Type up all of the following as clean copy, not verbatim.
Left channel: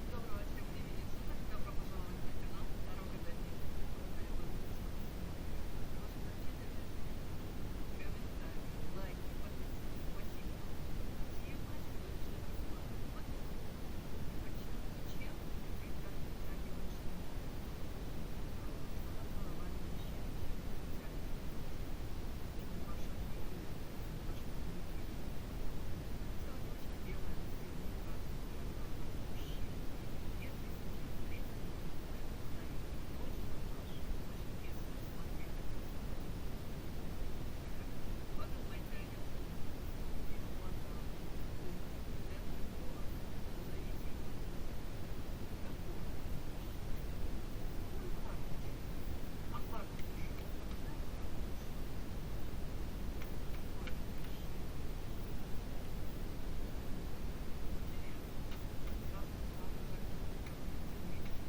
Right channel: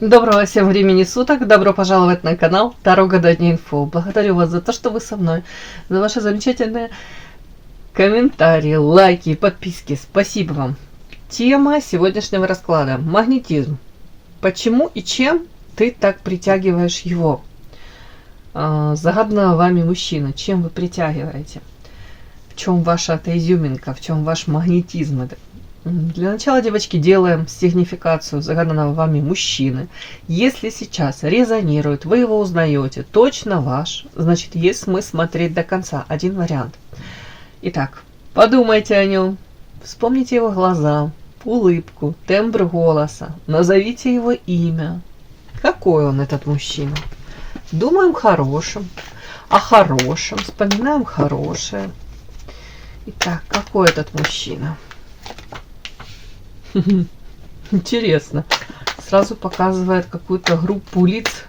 Доброго всем времени суток, добро пожаловать на канал Таро Гадание Инфо. Благодарю вас за то, что вы со мной, за ваши замечательные комментарии, лайки, подписки. Спасибо вам. Тема сегодняшнего расклада – магнетизм. Почему и чем ты так притягиваешь его? Загаданного вами мужчина, чем вы притягиваете? В чем ваша эта изюминка, в чем ваш магнетизм? Для начала, девочки, делаем сигнификацию загаданного вами мужчины. Если сейчас резонирует, вы его узнаете, точно ваш, значит, есть смысл смотреть до конца. Один вариант. Итак, подумайте о нем, вспомните его глаза, улыбку, тембр голоса, назовите его имя. Какой он, этот мужчина? Думаем хорошим, о хорошем, вспоминаем хорошее. Итак, какой этот мужчина? Интересно. Сразу показывает какую-то группу лиц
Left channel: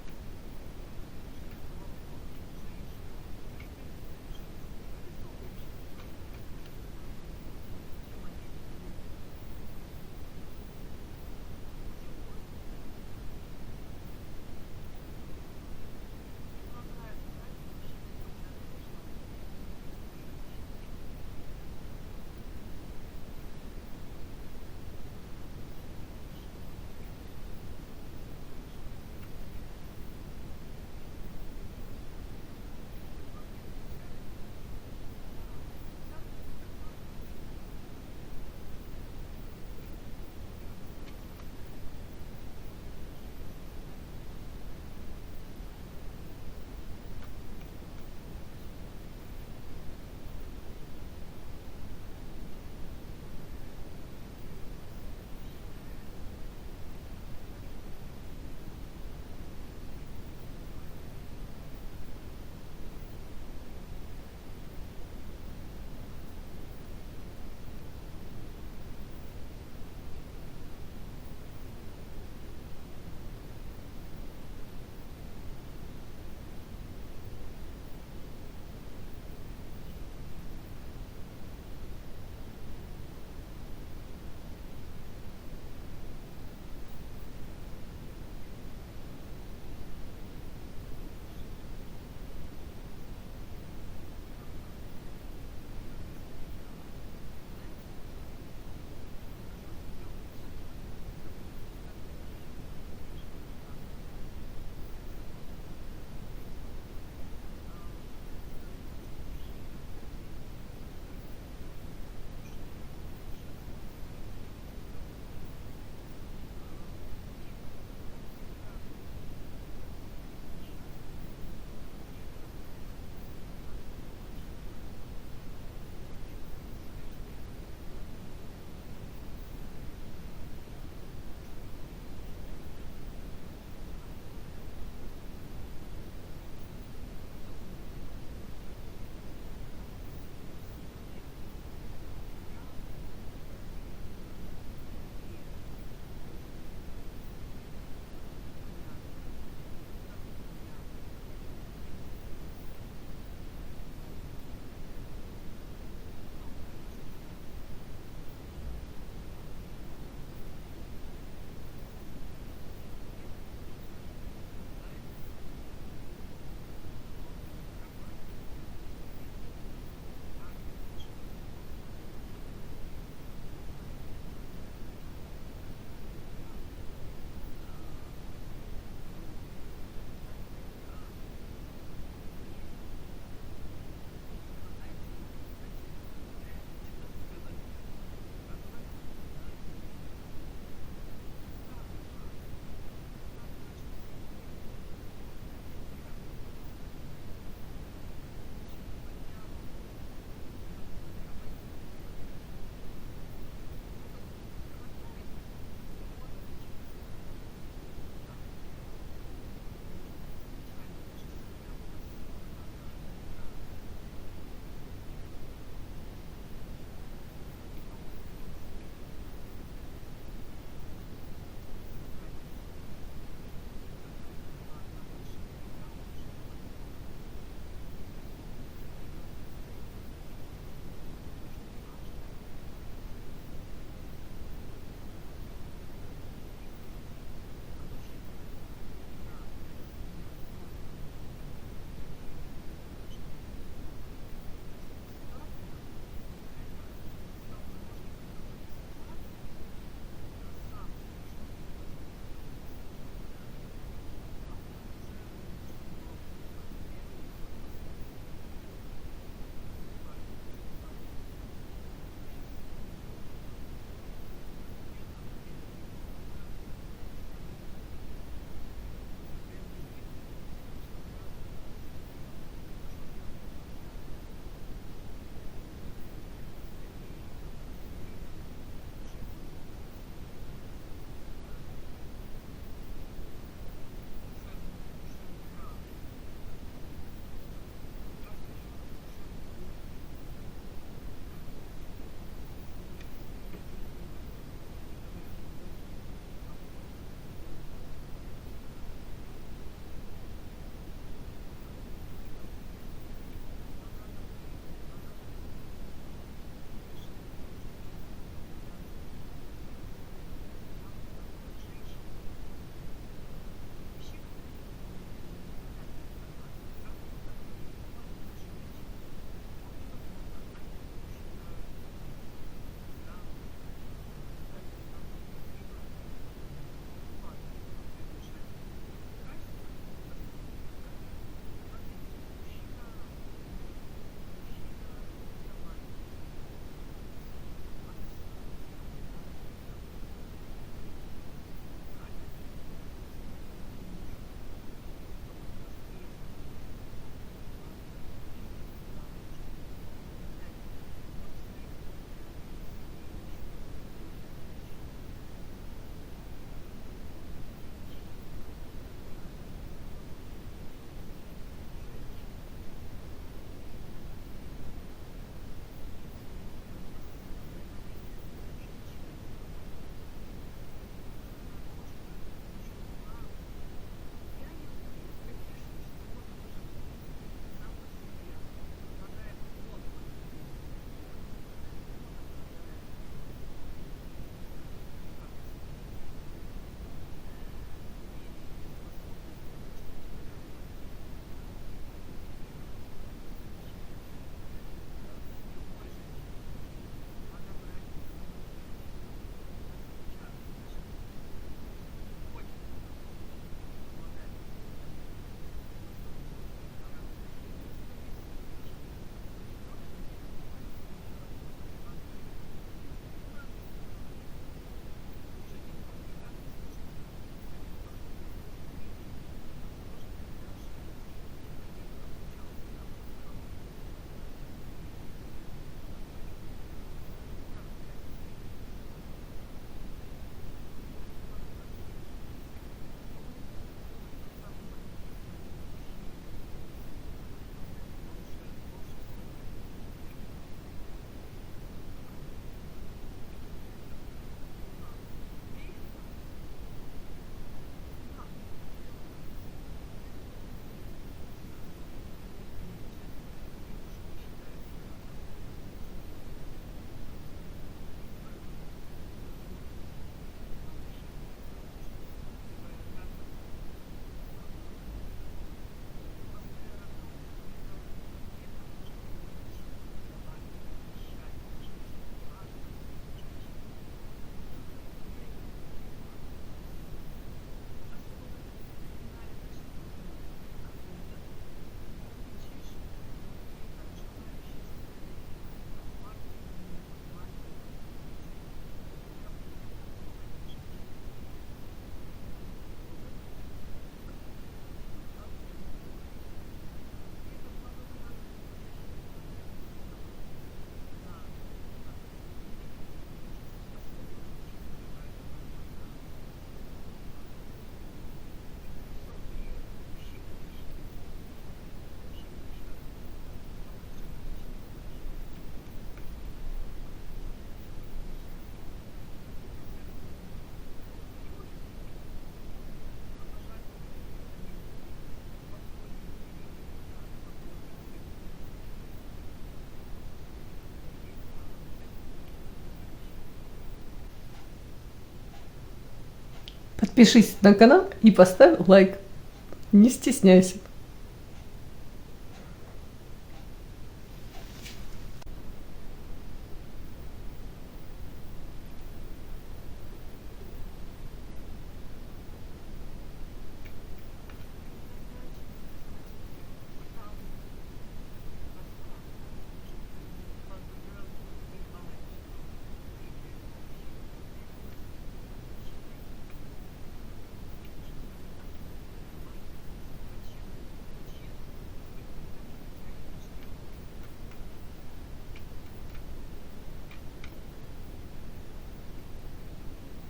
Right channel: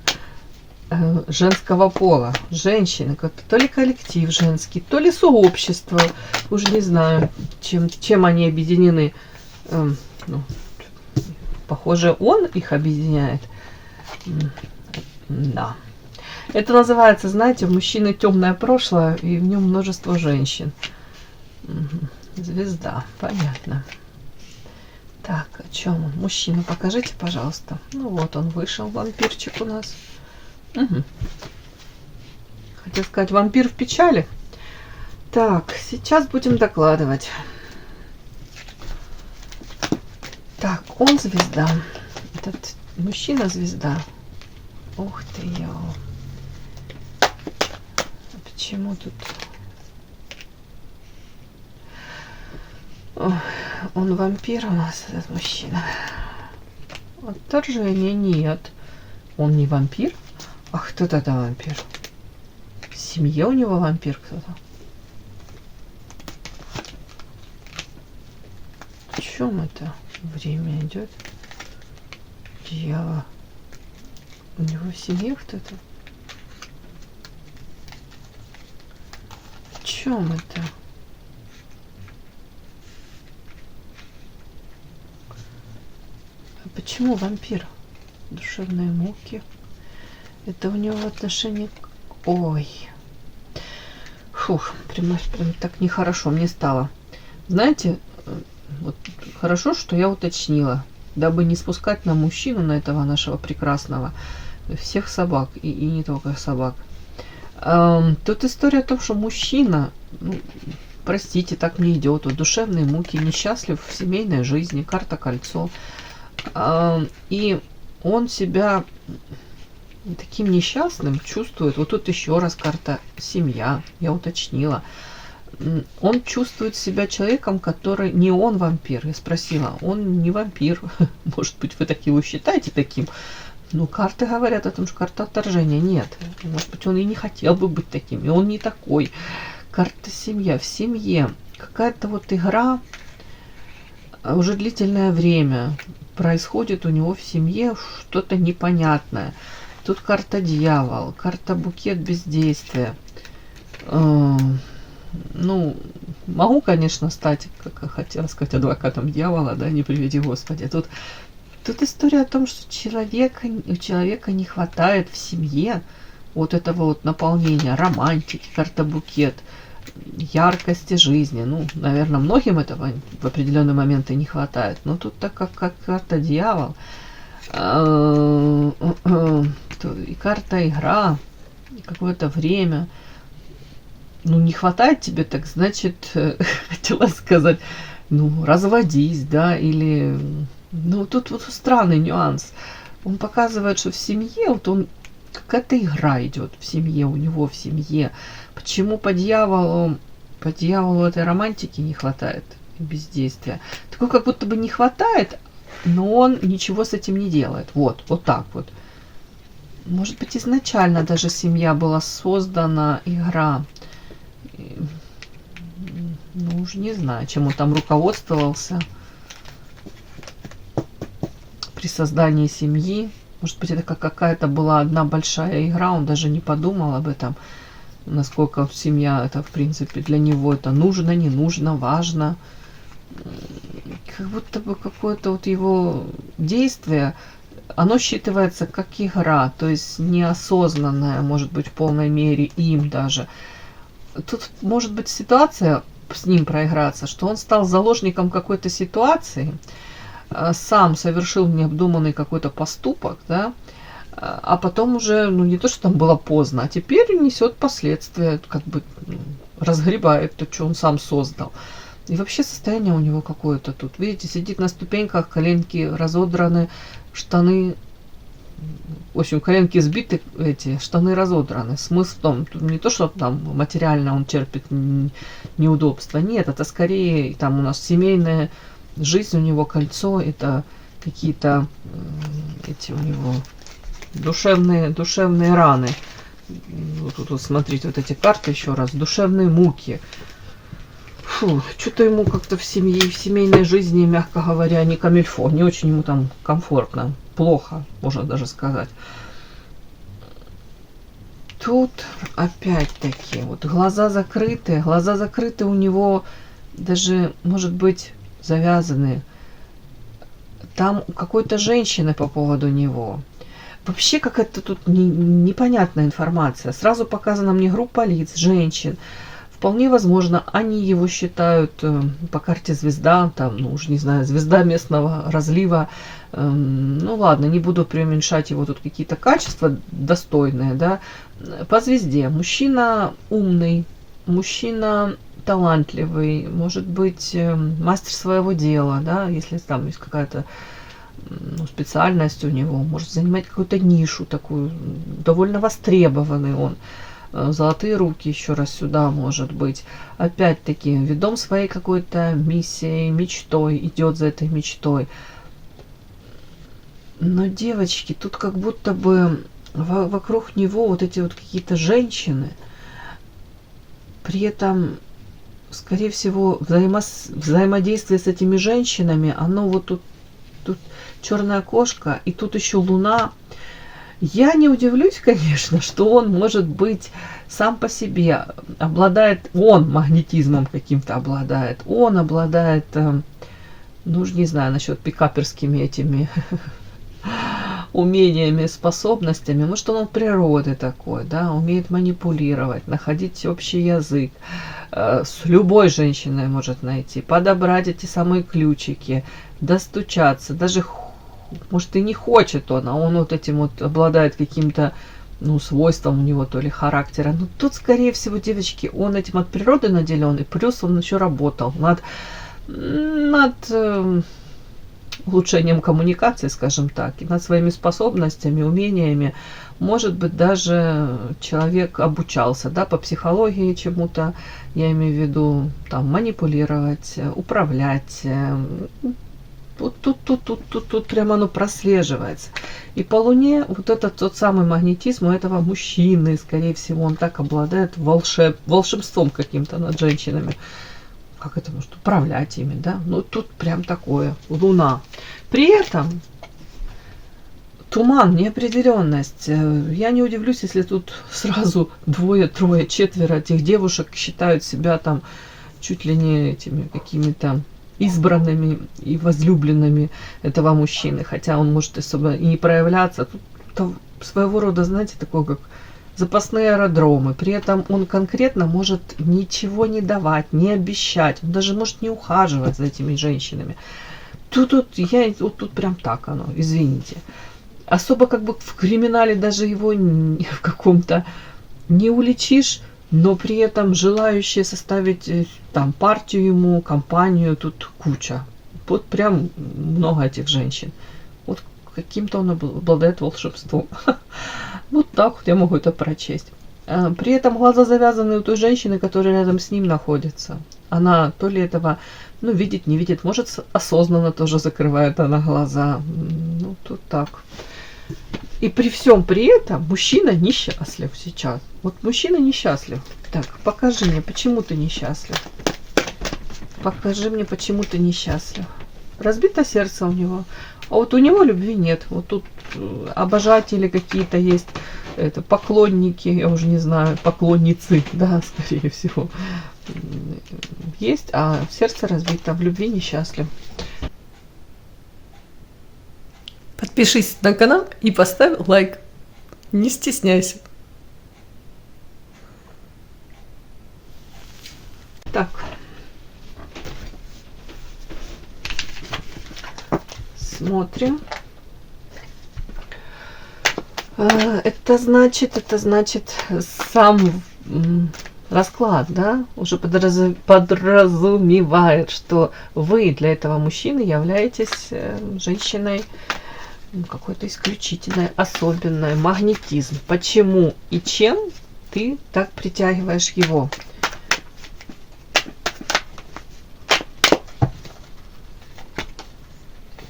женского пола. Женщины, как-то то ли коллектив женский, то ли сообщество. Уж не знаю, чем они объединены. Похоже, он их объединяет. Да. Это называется, знаете, у мужчины темное прошлое, и в нем множество женщин. Звезда, понятно. Так, о чем он? Мужчина, покажите, пожалуйста. Ну вот он вышел, вампирчик у нас. Угу. Хотел сказать, вампир в печали. Так, сейчас будем докладывать. Так, он звезда. Этот мужчина звезда. Ух ты, почему тут... Ой, он вампир у нас, этот мужчина. Отторжения нет. Он не вампир? А кто тогда вампир? В семье у него вампир кто-то? В чем это время идет? Дьявол. У него в семье кто-то? В чем это? Почему вампир? Душевные муки. Это у него отношение к... Ой. Фух, прям так нехорошо мне стало. Знаете, вот хорошо, что я уточнила, дабы не спускать на мужчину, на этого нашего прекрасного, всех собак, и не только собак. Тут история о том, что мужчина, простите, так мне идет, вот, душевные муки, несчастлив в семейной жизни, карта кольцо. И он себя таким несчастным чувствует. Вот тут еще раз карта семья, я уточнила. Он чувствует себя человеком, который не он вампир. Я спросила, он не вампир. Может быть, вы так его считаете таким? Но карты говорят о том, что карта отторжения нет. Может быть, он и не хотел бы быть таким, и он не такой. Карта семья. В семье какая-то вот игра уже длительное время. Происходит у него в семье что-то непонятное. Тут карта дьявол, карта букет бездействия. Могу, конечно, стать, как хотела сказать, адвокатом дьявола, да, не приведи Господи. Тут история о том, что у человека не хватает в семье вот этого вот наполнения, романтики, карта букет, яркости жизни. Наверное, многим этого в определенный момент и не хватает. Но тут так как карта дьявол, и карта игра, и какое-то время. Не хватает тебе, так значит, хотела сказать, разводись, да, или... тут вот странный нюанс. Он показывает, что в семье, вот он, какая-то игра идет в семье, у него в семье. Почему по дьяволу этой романтики не хватает, бездействия? Такой как будто бы не хватает, но он ничего с этим не делает. Вот так вот. Может быть, изначально даже семья была создана, игра. Уже не знаю, чем он там руководствовался при создании семьи. Может быть, это какая-то была одна большая игра, он даже не подумал об этом, насколько семья это, в принципе, для него это нужно, не нужно, важно. Как будто бы какое-то вот его действие оно считывается как игра, то есть неосознанная, может быть, в полной мере им даже. Тут может быть ситуация с ним проиграться, что он стал заложником какой-то ситуации, сам совершил необдуманный какой-то поступок, да, а потом уже, ну не то, что там было поздно, а теперь несет последствия, как бы разгребает то, что он сам создал. И вообще состояние у него какое-то тут. Видите, сидит на ступеньках, коленки разодраны, штаны, в общем, коленки сбиты, эти штаны разодраны. Смысл в том, не то, что там материально он терпит неудобства. Нет, это скорее там у нас семейная жизнь, у него кольцо, это какие-то эти у него душевные раны. Вот смотрите, вот эти карты еще раз. Душевные муки. Фу, что-то ему как-то в семье, в семейной жизни, мягко говоря, не камильфо. Не очень ему там комфортно. Плохо, можно даже сказать. Тут опять-таки вот глаза закрыты у него даже, может быть, завязаны. Там у какой-то женщины по поводу него. Вообще какая-то тут непонятная информация. Сразу показана мне группа лиц, женщин. Вполне возможно, они его считают по карте звезда, там, ну уж не знаю, звезда местного разлива. Ну ладно, не буду преуменьшать его тут какие-то качества достойные, да. По звезде мужчина умный, мужчина талантливый, может быть, мастер своего дела, да, если там есть какая-то специальность у него, может занимать какую-то нишу такую, довольно востребованный он. Золотые руки еще раз сюда, может быть. Опять-таки, ведом своей какой-то миссией, мечтой, идет за этой мечтой. Но, девочки, тут как будто бы вокруг него вот эти вот какие-то женщины, при этом, скорее всего, взаимодействие с этими женщинами, оно вот тут черная кошка, и тут еще луна. Я не удивлюсь, конечно, что он, может быть, сам по себе обладает, он магнетизмом каким-то обладает, он обладает, ну, уж не знаю, насчет пикаперскими этими умениями, способностями. Может, он от природы такой, да, умеет манипулировать, находить общий язык, с любой женщиной может найти, подобрать эти самые ключики, достучаться, даже может и не хочет он, а он вот этим вот обладает каким-то, ну, свойством у него, то ли характера. Но тут, скорее всего, девочки, он этим от природы наделен, и плюс он еще работал над улучшением коммуникации, скажем так, и над своими способностями, умениями. Может быть, даже человек обучался, да, по психологии чему-то, я имею в виду, там, манипулировать, управлять. Вот тут прямо оно прослеживается. И по Луне вот этот тот самый магнетизм у этого мужчины, скорее всего, он так обладает волшебством каким-то над женщинами. Как это может управлять ими, да? Ну, тут прям такое. Луна. При этом туман, неопределенность. Я не удивлюсь, если тут сразу двое, трое, четверо этих девушек считают себя там чуть ли не этими какими-то избранными и возлюбленными этого мужчины, хотя он может особо и не проявляться. Тут своего рода, знаете, такое как запасные аэродромы. При этом он конкретно может ничего не давать, не обещать, он даже может не ухаживать за этими женщинами. Тут прям так оно, извините. Особо как бы в криминале даже его в каком-то не уличишь, но при этом желающие составить там партию ему, компанию, тут куча. Вот прям много этих женщин. Вот каким-то он обладает волшебством. Вот так вот я могу это прочесть. При этом глаза завязаны у той женщины, которая рядом с ним находится. Она то ли этого, ну, видит, не видит, может, осознанно тоже закрывает она глаза. Ну, тут так. И при всем при этом мужчина несчастлив сейчас. Вот мужчина несчастлив. Так, покажи мне, почему ты несчастлив. Покажи мне, почему ты несчастлив. Разбито сердце у него. А вот у него любви нет. Вот тут обожатели какие-то есть, это поклонники, я уже не знаю, поклонницы, да, скорее всего, есть, а сердце разбито, в любви несчастлив. Подпишись на канал и поставь лайк. Не стесняйся. Так. Смотрим. Это значит сам расклад, да, уже подразумевает, что вы для этого мужчины являетесь женщиной какой-то исключительной, особенной, магнетизм. Почему и чем ты так притягиваешь его?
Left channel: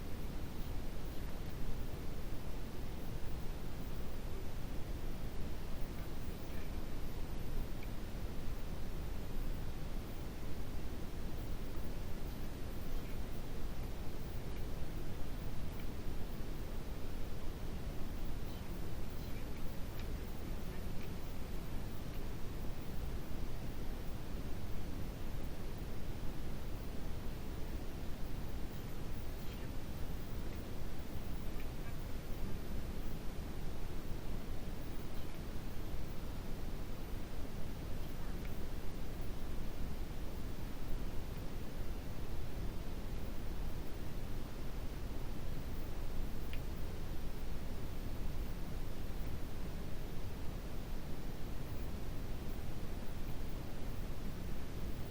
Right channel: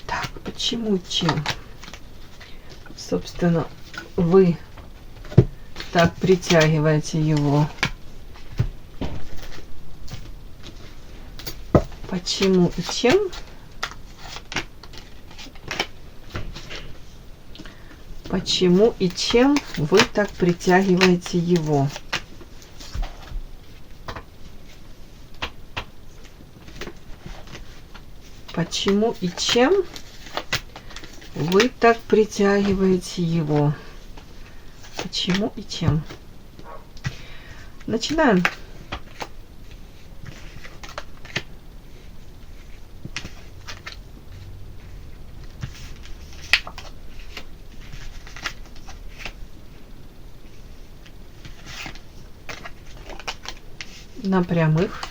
Так, почему и чем? Собственно, вы так притягиваете его. Почему и чем? Почему и чем вы так притягиваете его? Почему и чем вы так притягиваете его? Почему и чем? Начинаем. На прямых.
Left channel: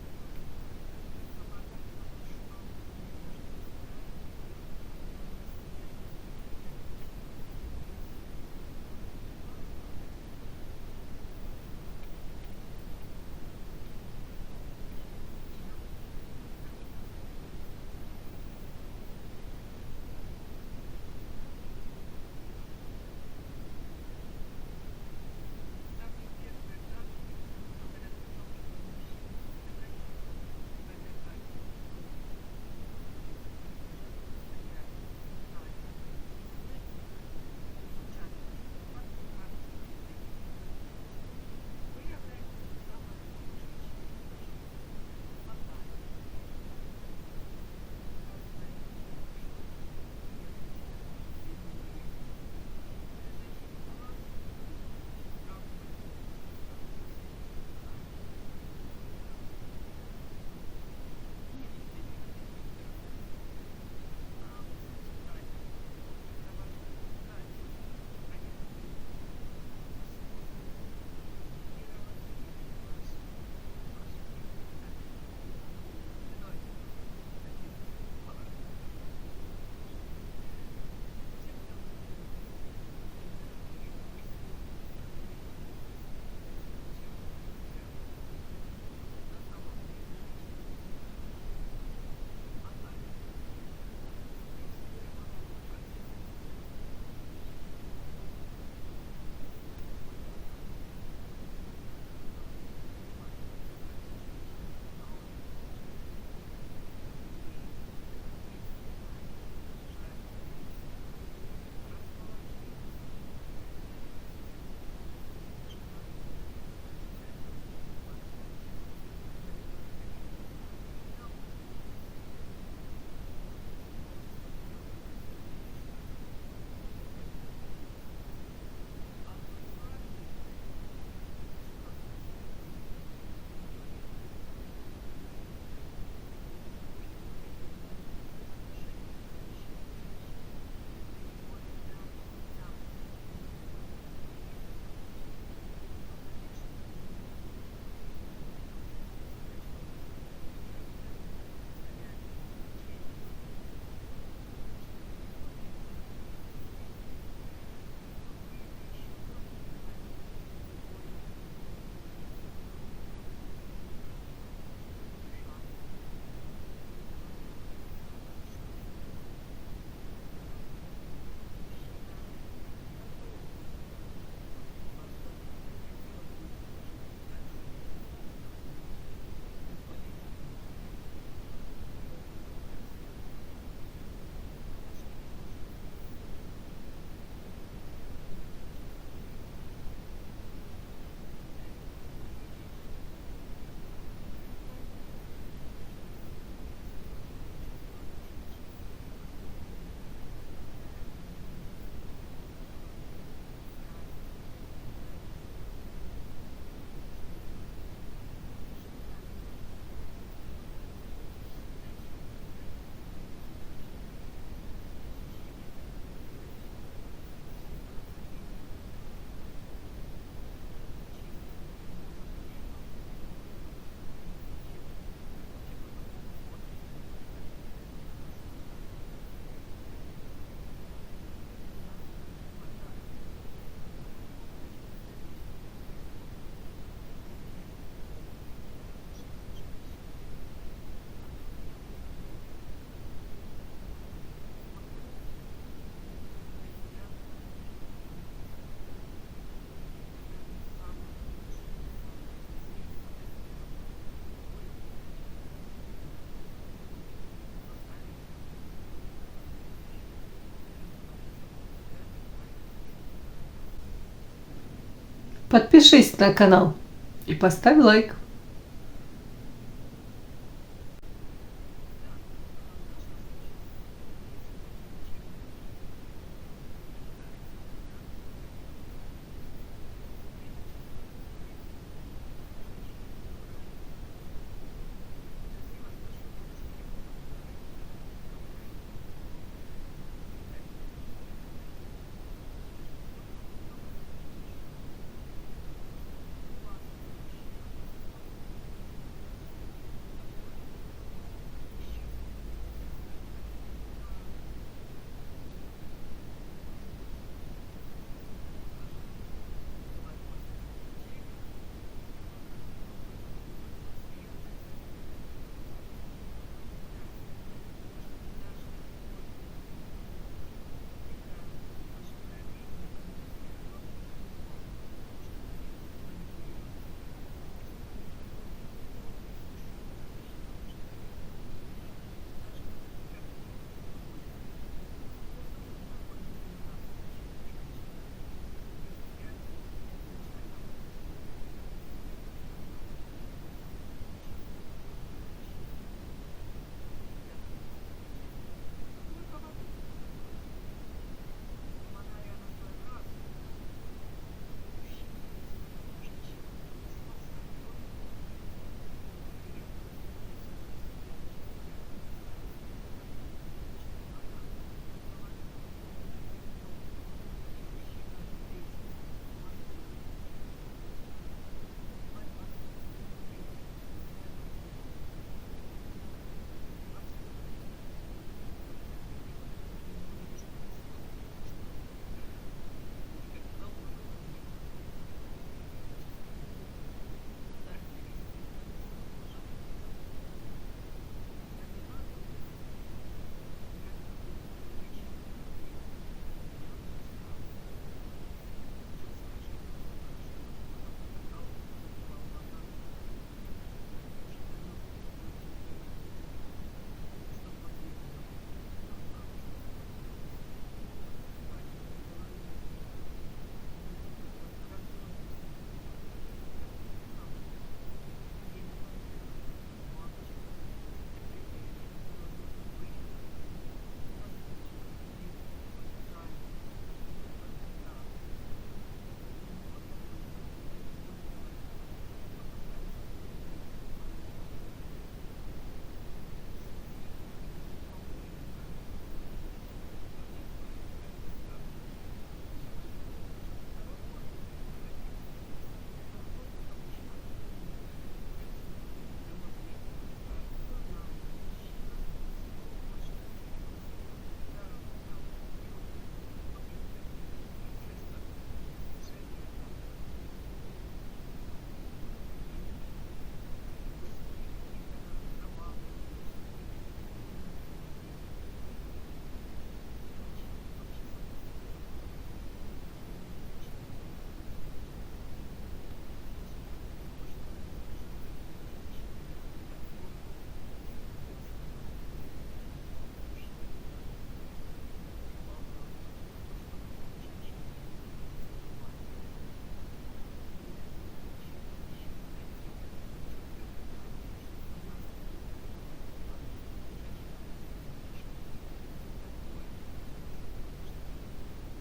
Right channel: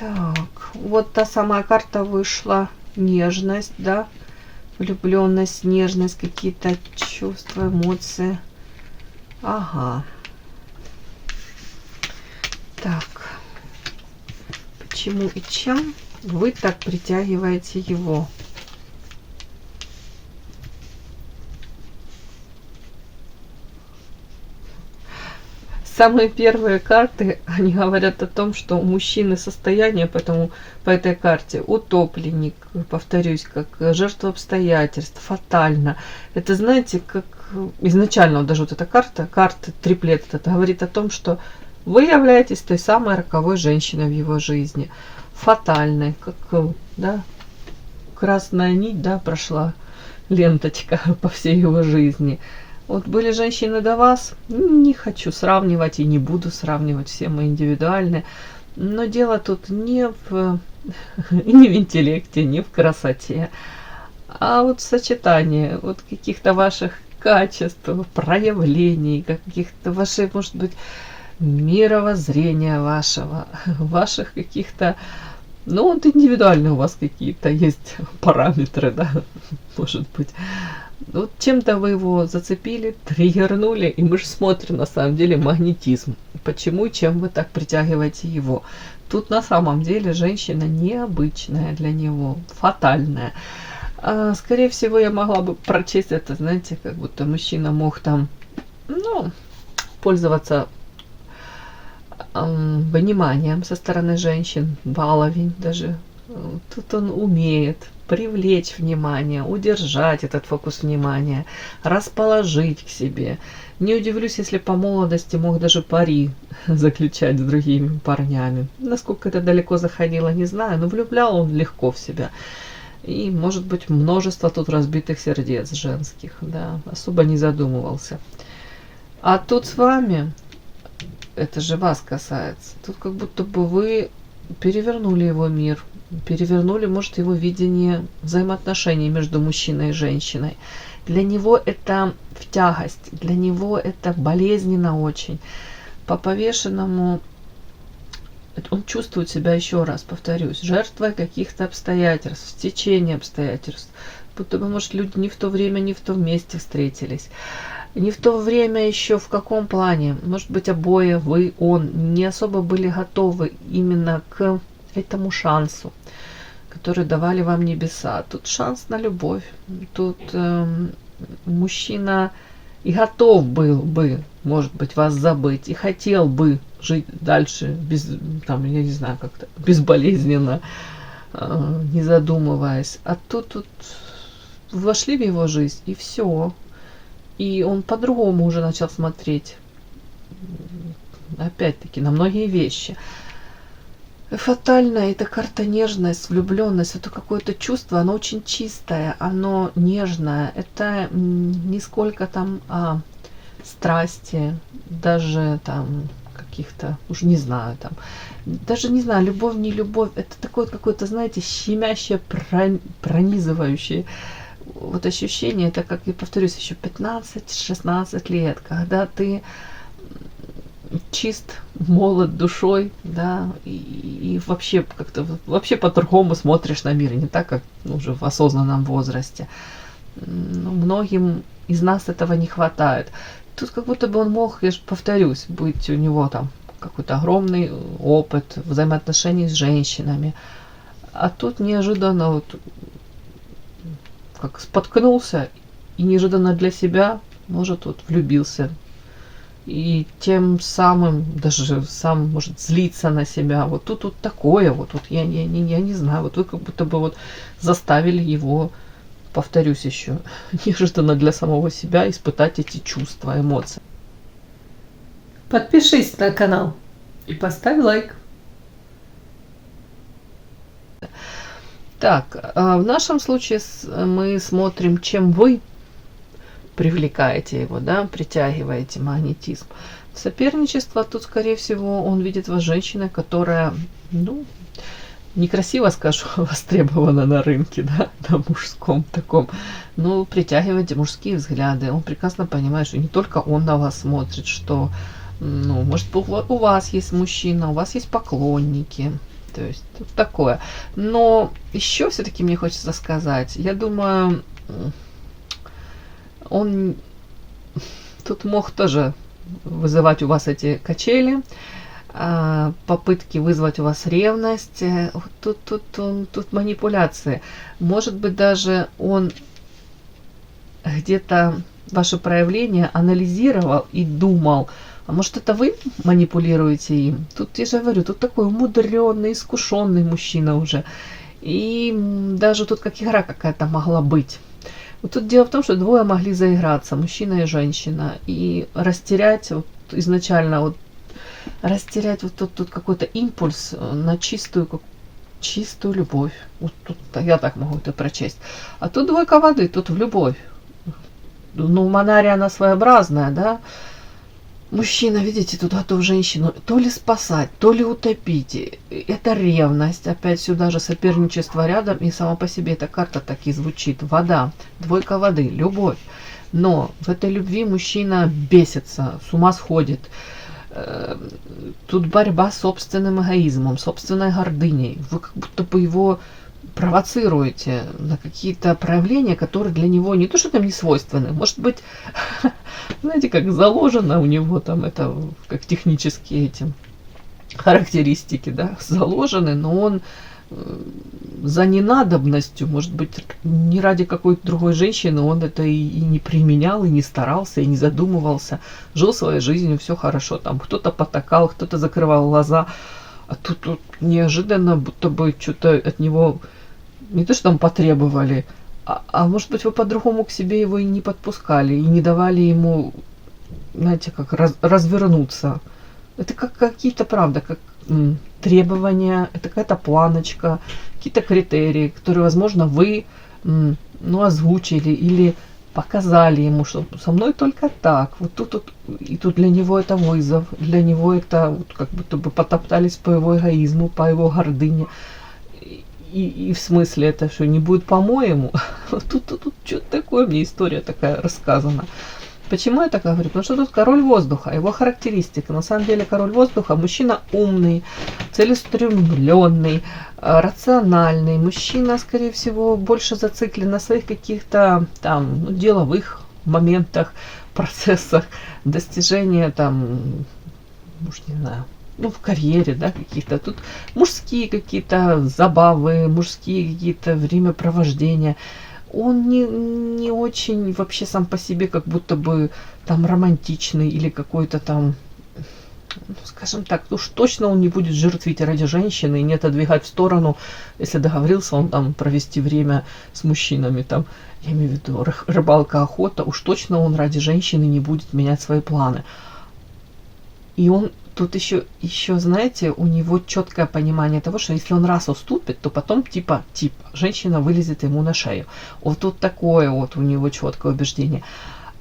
Так, вот та самая карта вышла. Нежность, да? Влюбленность, нежность, какие-то чувства, эмоции. Ага. Так. Почему и чем вы так притягиваете его? Самые первые карты, они говорят о том, что у мужчины состояние, поэтому по этой карте утопленник, повторюсь, как жертва обстоятельств, фатально. Это, знаете, как изначально вот даже вот эта карта триплет, это говорит о том, что вы являетесь той самой роковой женщиной в его жизни. Фатальной, как, да, красная нить, да, прошла ленточка по всей его жизни. Вот были женщины до вас, не хочу сравнивать и не буду сравнивать, все мы индивидуальны. Но дело тут не в интеллекте, не в красоте, а вот в сочетании вот каких-то ваших качеств, проявлений, каких-то ваших, может быть, мировоззрения ваших каких-то, ну вот индивидуальные у вас какие-то есть параметры, да, может быть. Вот чем-то вы его зацепили, триггернули, и мы же смотрим на самом деле магнетизм. Почему, чем вы так притягиваете его? Тут на самом деле женщина необычная для него, фатальная. Скорее всего, я могла бы прочесть это, знаете, как будто мужчина мог там, ну, пользоваться вниманием со стороны женщин, баловень даже. Тут он умеет привлечь внимание, удержать этот фокус внимания, расположить к себе. Не удивлюсь, если по молодости мог даже пари заключать с другими парнями. Насколько это далеко заходило, не знаю, но влюблял он легко в себя. И, может быть, множество тут разбитых сердец женских, да, особо не задумывался. А тут с вами, это же вас касается, тут как будто бы вы перевернули его мир, перевернули, может, его видение взаимоотношений между мужчиной и женщиной. Для него это в тягость, для него это болезненно очень. По повешенному он чувствует себя, еще раз повторюсь, жертвой каких-то обстоятельств, стечения обстоятельств. Будто бы, может, люди не в то время, не в том месте встретились. Не в то время еще в каком плане. Может быть, обои, вы, он, не особо были готовы именно к этому шансу, который давали вам небеса. Тут шанс на любовь. Тут мужчина и готов был бы, может быть, вас забыть, и хотел бы жить дальше без, там, я не знаю, как-то безболезненно, не задумываясь. А тут вошли в его жизнь, и все. И он по-другому уже начал смотреть, опять-таки, на многие вещи. Фатальная эта карта нежность, влюбленность, это какое-то чувство, оно очень чистое, оно нежное. Это не сколько там страсти, даже там каких-то, уж не знаю, там, даже не знаю, любовь, не любовь, это такое какое-то, знаете, щемящее, пронизывающее вот ощущение, это, как я повторюсь, еще 15-16 лет, когда ты чист, молод душой, да, и вообще как-то вообще по-другому смотришь на мир, не так, как уже в осознанном возрасте. Но многим из нас этого не хватает. Тут как будто бы он мог, я же повторюсь, быть у него там какой-то огромный опыт взаимоотношений с женщинами. А тут неожиданно вот как споткнулся и неожиданно для себя, может, вот влюбился. И тем самым даже сам может злиться на себя. Вот тут вот такое, вот я не знаю, вот вы как будто бы вот заставили его, повторюсь еще, неожиданно для самого себя испытать эти чувства, эмоции. Подпишись на канал и поставь лайк. Так, в нашем случае мы смотрим, чем вы привлекаете его, да, притягиваете, магнетизм. Соперничество, тут, скорее всего, он видит вас женщиной, которая, ну, некрасиво скажу, востребована на рынке, да, на мужском таком, но притягиваете мужские взгляды. Он прекрасно понимает, что не только он на вас смотрит, что, ну, может, у вас есть мужчина, у вас есть поклонники, то есть тут такое. Но еще все-таки мне хочется сказать, я думаю, он тут мог тоже вызывать у вас эти качели, попытки вызвать у вас ревность. Тут манипуляции. Может быть, даже он где-то ваше проявление анализировал и думал, а может, это вы манипулируете им? Тут, я же говорю, тут такой умудренный, искушенный мужчина уже. И даже тут как игра какая-то могла быть. Вот тут дело в том, что двое могли заиграться, мужчина и женщина, и растерять вот изначально вот растерять вот тут какой-то импульс на чистую любовь. Вот тут я так могу это прочесть. А тут двойка воды, тут в любовь. Ну, Манария, она своеобразная, да. Мужчина, видите, тут готов женщину то ли спасать, то ли утопить. Это ревность. Опять сюда же соперничество рядом. И сама по себе эта карта так и звучит. Вода, двойка воды, любовь. Но в этой любви мужчина бесится, с ума сходит. Тут борьба с собственным эгоизмом, собственной гордыней. Вы как будто бы его провоцируете на какие-то проявления, которые для него не то, что там не свойственны, может быть, знаете, как заложено у него там это, как технические эти характеристики, да, заложены, но он за ненадобностью, может быть, не ради какой-то другой женщины, он это и не применял, и не старался, и не задумывался, жил своей жизнью, все хорошо, там кто-то потакал, кто-то закрывал глаза, а тут неожиданно будто бы что-то от него не то, что там потребовали, а может быть, вы по-другому к себе его и не подпускали, и не давали ему, знаете, как развернуться. Это как какие-то, правда, как требования, это какая-то планочка, какие-то критерии, которые, возможно, вы ну, озвучили или показали ему, что со мной только так. Вот тут и тут для него это вызов, для него это вот, как будто бы потоптались по его эгоизму, по его гордыне. И в смысле это что, не будет по-моему? Тут что-то такое, мне история такая рассказана. Почему я так говорю? Потому что тут король воздуха, его характеристика. На самом деле король воздуха мужчина умный, целеустремленный, рациональный. Мужчина, скорее всего, больше зациклен на своих каких-то там деловых моментах, процессах, достижения там, уж не знаю, ну, в карьере, да, каких-то. Тут мужские какие-то забавы, мужские какие-то времяпровождения. Он не очень вообще сам по себе как будто бы там романтичный или какой-то там, скажем так, уж точно он не будет жертвить ради женщины и не отодвигать в сторону, если договорился он там провести время с мужчинами, там, я имею в виду рыбалка, охота, уж точно он ради женщины не будет менять свои планы. И он тут еще, знаете, у него четкое понимание того, что если он раз уступит, то потом типа женщина вылезет ему на шею. Вот тут такое вот у него четкое убеждение.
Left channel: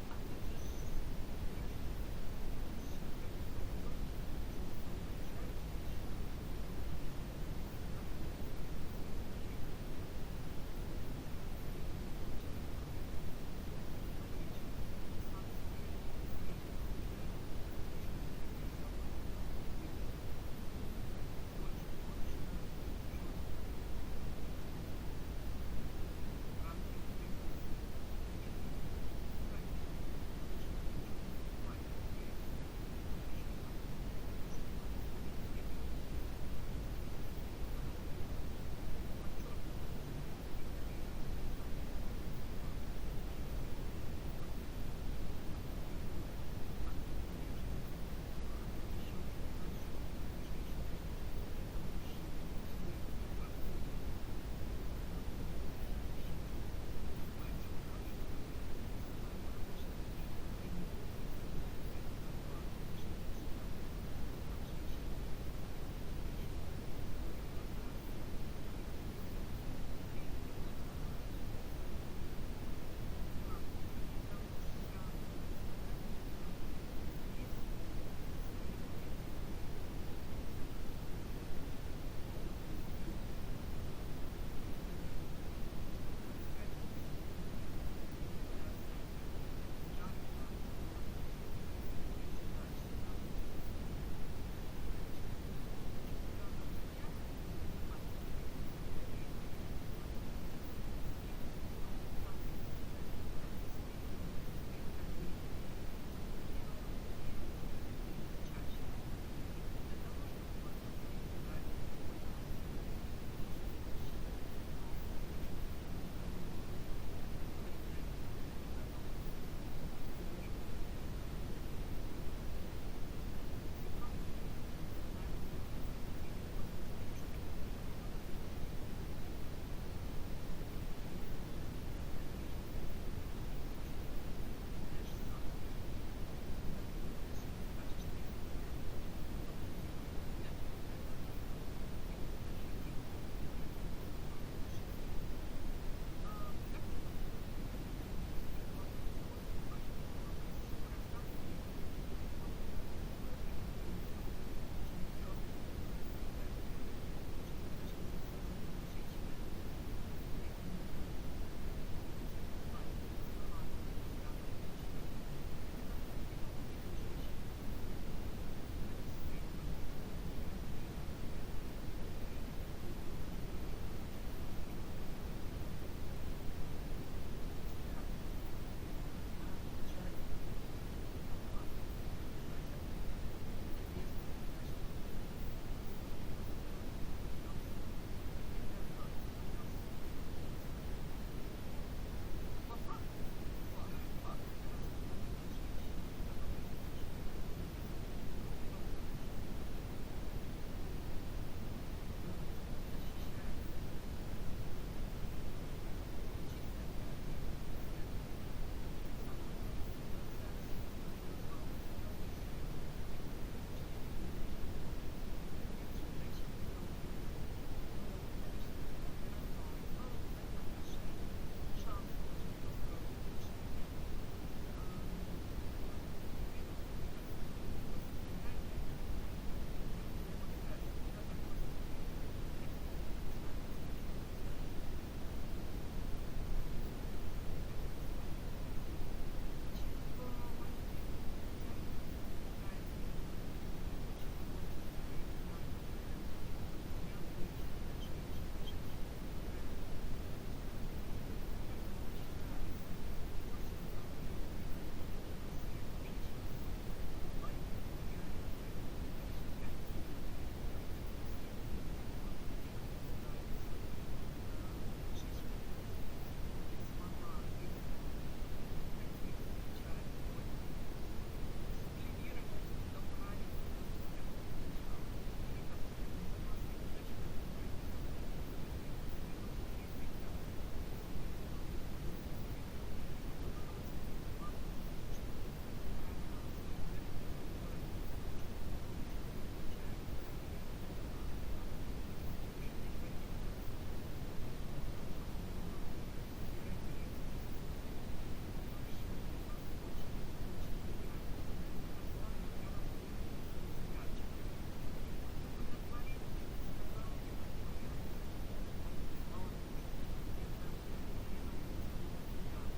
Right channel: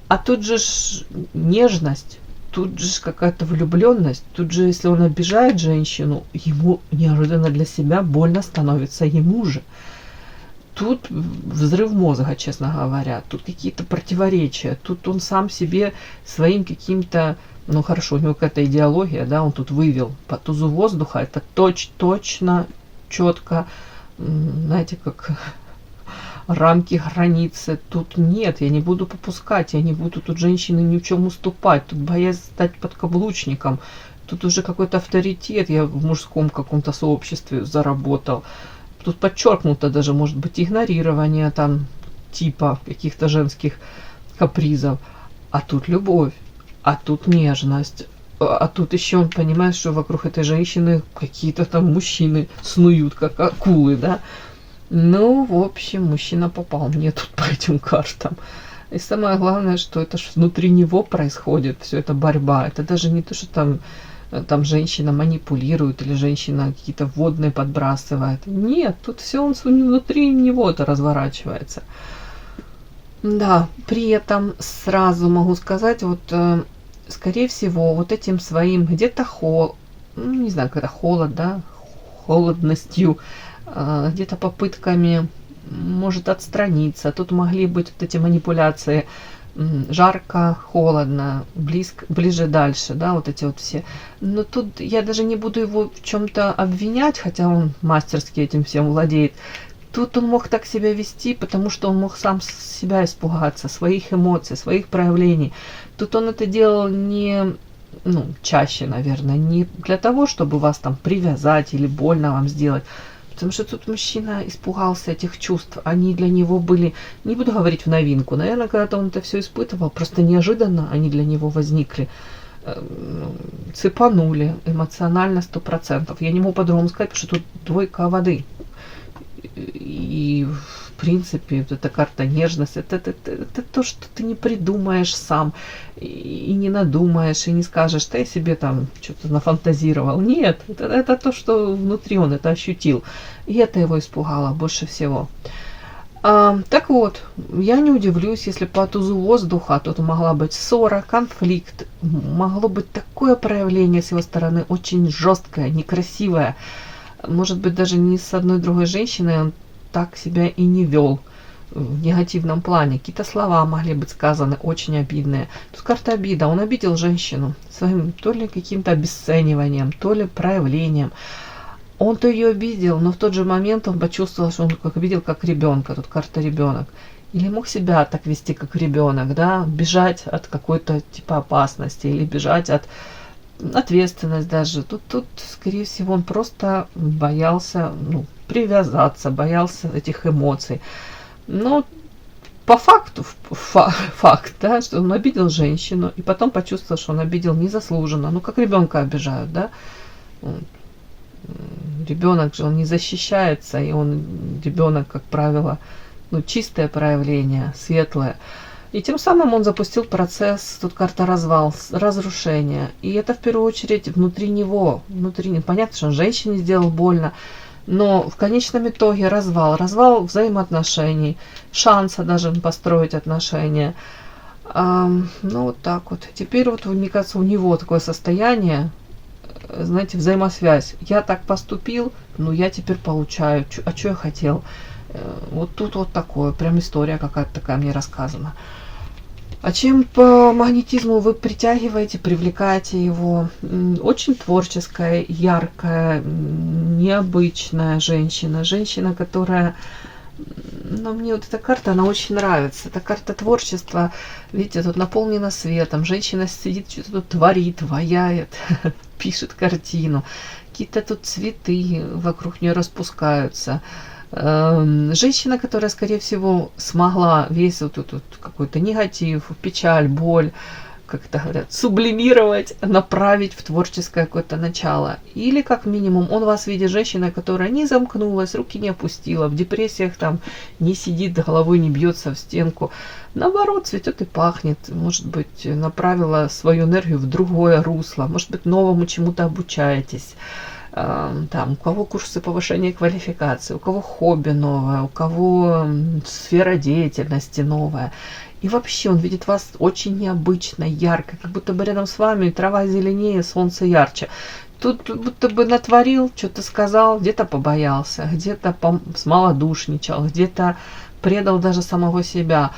А тут же ж нежность, тут же какая-то влюбленность, тут же, если он обижает женщину, ему неожиданно для себя больно становится ему же. Тут взрыв мозга, честно говоря, тут какие-то противоречия, тут он сам себе своим каким-то, ну хорошо, у него какая-то идеология, да, он тут вывел по тузу воздуха, это точно, четко, знаете, как рамки, границы. Тут нет, я не буду попускать, я не буду тут женщины ни в чем уступать, тут боясь стать подкаблучником, тут уже какой-то авторитет я в мужском каком-то сообществе заработал. Тут подчеркнуто даже, может быть, игнорирование там типа каких-то женских капризов. А тут любовь, а тут нежность. А тут еще он понимает, что вокруг этой женщины какие-то там мужчины снуют, как акулы, да. Ну, в общем, мужчина попал мне тут по этим картам. И самое главное, что это ж внутри него происходит, все это борьба. Это даже не то, что там женщина манипулирует или женщина какие-то вводные подбрасывает. Нет, тут все он внутри него-то разворачивается. Да, при этом сразу могу сказать, вот, скорее всего, вот этим своим где-то не знаю, когда холод, да, холодностью, где-то попытками, может, отстраниться. Тут могли быть вот эти манипуляции жарко, холодно, ближе, дальше, да, вот эти вот все. Но тут я даже не буду его в чем-то обвинять, хотя он мастерски этим всем владеет. Тут он мог так себя вести, потому что он мог сам себя испугаться, своих эмоций, своих проявлений. Тут он это делал не, чаще, наверное, не для того, чтобы вас там привязать или больно вам сделать. Потому что тут мужчина испугался этих чувств. Они для него были, не буду говорить в новинку, наверное, когда-то он это все испытывал, просто неожиданно они для него возникли. Цепанули эмоционально 100%. Я не могу по-другому сказать, потому что тут двойка воды. И в принципе вот эта карта нежность, это то, что ты не придумаешь сам, и не надумаешь, и не скажешь, ты себе там что-то нафантазировал. Нет, это то, что внутри он это ощутил. И это его испугало больше всего. Так вот, я не удивлюсь, если по тузу воздуха тут могла быть ссора, конфликт, могло быть такое проявление с его стороны, очень жесткое, некрасивое. Может быть, даже ни с одной другой женщиной он так себя и не вел в негативном плане. Какие-то слова могли быть сказаны очень обидные. Тут карта обида. Он обидел женщину своим то ли каким-то обесцениванием, то ли проявлением. Он-то ее обидел, но в тот же момент он почувствовал, что он видел как ребенка. Тут карта ребенок. Или мог себя так вести, как ребенок, да, бежать от какой-то типа опасности или бежать от ответственность даже. Тут, скорее всего, он просто боялся привязаться, боялся этих эмоций. Но по факту, факт, да, что он обидел женщину, и потом почувствовал, что он обидел незаслуженно. Как ребенка обижают, да. Ребенок же, он не защищается, и ребенок, как правило, чистое проявление, светлое. И тем самым он запустил процесс, тут карта развал, разрушение. И это в первую очередь внутри него. Понятно, что он женщине сделал больно, но в конечном итоге развал взаимоотношений, шанса даже построить отношения. Вот так вот. Теперь вот, мне кажется, у него такое состояние, знаете, взаимосвязь. Я так поступил, я теперь получаю. А что я хотел? Вот тут вот такое, прям история какая-то такая мне рассказана. А чем по магнетизму вы притягиваете, привлекаете его? Очень творческая, яркая, необычная женщина. Женщина, которая... мне вот эта карта, она очень нравится. Это карта творчества. Видите, тут наполнена светом. Женщина сидит, что-то тут творит, ваяет, пишет картину. Какие-то тут цветы вокруг нее распускаются. Женщина, которая, скорее всего, смогла весь вот этот какой-то негатив, печаль, боль, как это говорят, сублимировать, направить в творческое какое-то начало. Или, как минимум, он вас видит женщиной, которая не замкнулась, руки не опустила, в депрессиях там не сидит, головой не бьется в стенку. Наоборот, цветет и пахнет. Может быть, направила свою энергию в другое русло. Может быть, новому чему-то обучаетесь. Там, у кого курсы повышения квалификации, у кого хобби новое, у кого сфера деятельности новая. И вообще он видит вас очень необычно, ярко, как будто бы рядом с вами трава зеленее, солнце ярче. Тут будто бы натворил, что-то сказал, где-то побоялся, где-то смолодушничал, где-то предал даже самого себя.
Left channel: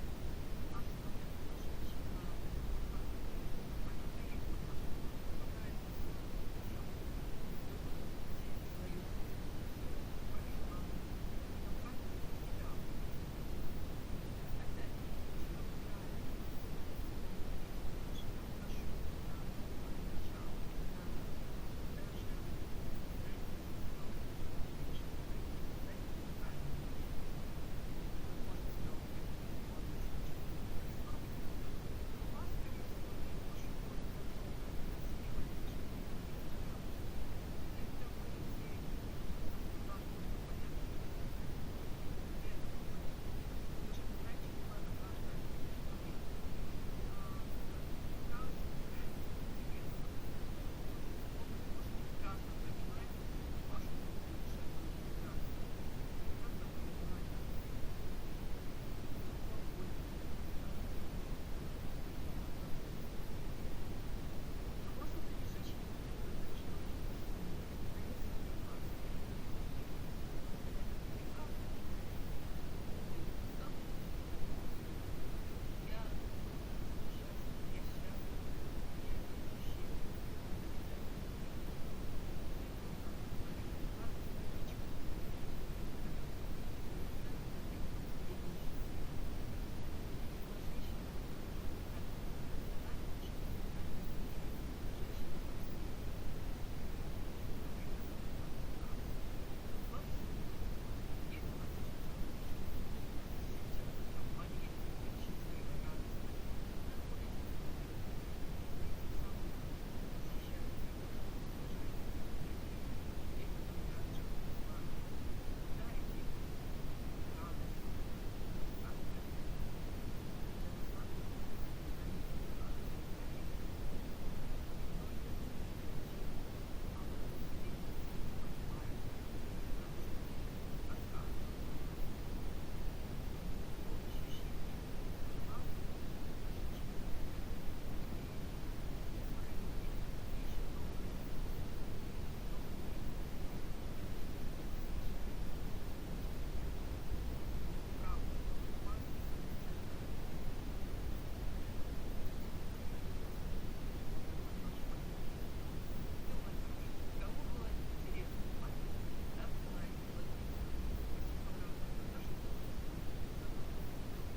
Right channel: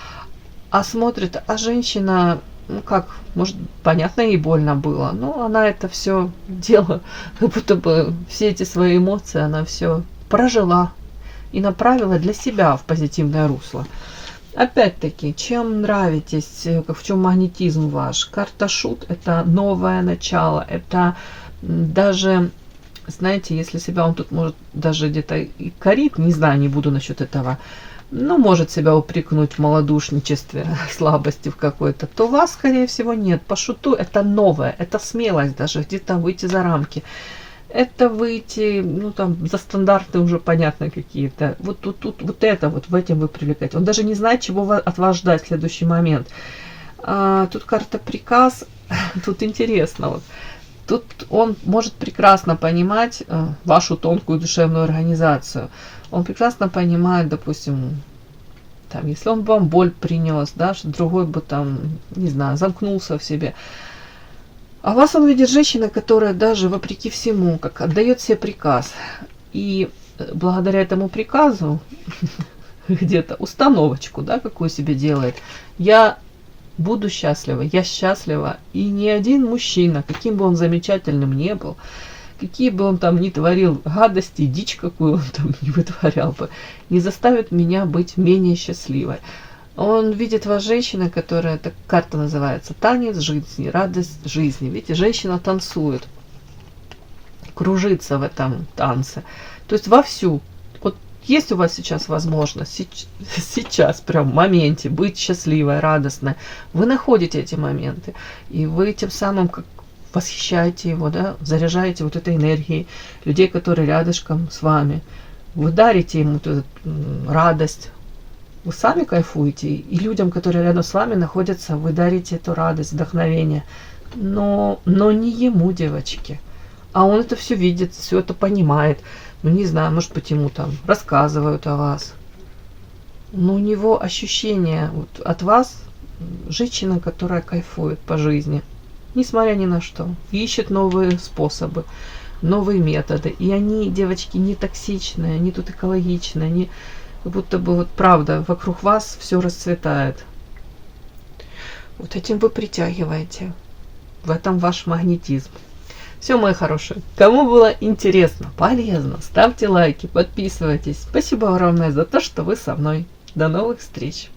А смотрит, а женщина, ну как, может, понятно, ей больно было, но она это все дело, как будто бы все эти свои эмоции она все прожила и направила для себя в позитивное русло. Опять-таки, чем нравитесь, в чем магнетизм ваш? Карта Шут – это новое начало, это даже, знаете, если себя он тут может даже где-то и корит, не знаю, не буду насчет этого, но может себя упрекнуть в малодушничестве, слабости в какой-то, то вас, скорее всего, нет. По Шуту это новое, это смелость даже где-то выйти за рамки. Это выйти, ну там, за стандарты уже понятно какие-то. Вот тут, вот это вот, в этом вы привлекаете. Он даже не знает, чего от вас ждать в следующий момент. Тут карта приказ, тут интересно. Вот. Тут он может прекрасно понимать вашу тонкую душевную организацию. Он прекрасно понимает, допустим, там, если он вам боль принес, да, что другой бы там, не знаю, замкнулся в себе. А вас он видит женщина, которая даже вопреки всему, как отдает себе приказ. И благодаря этому приказу, где-то установочку, да, какую себе делает, я буду счастлива, я счастлива. И ни один мужчина, каким бы он замечательным не был, какие бы он там ни творил гадости, дичь какую он там не вытворял бы, не заставит меня быть менее счастливой. Он видит вас женщина, которая, так карта называется, танец жизни, радость жизни. Видите, женщина танцует, кружится в этом танце. То есть вовсю. Вот есть у вас сейчас возможность, сейчас прям в моменте быть счастливой, радостной. Вы находите эти моменты. И вы тем самым как восхищаете его, да, заряжаете вот этой энергией людей, которые рядышком с вами. Вы дарите ему эту радость. Вы сами кайфуете, и людям, которые рядом с вами находятся, вы дарите эту радость, вдохновение. Но не ему, девочки. А он это все видит, все это понимает. Ну, не знаю, может быть, ему там рассказывают о вас. Но у него ощущение вот от вас, женщина, которая кайфует по жизни, несмотря ни на что, ищет новые способы, новые методы. И они, девочки, не токсичные, они тут экологичные, они как будто бы вот правда, вокруг вас все расцветает. Вот этим вы притягиваете. В этом ваш магнетизм. Все, мои хорошие. Кому было интересно, полезно, ставьте лайки, подписывайтесь. Спасибо огромное за то, что вы со мной. До новых встреч.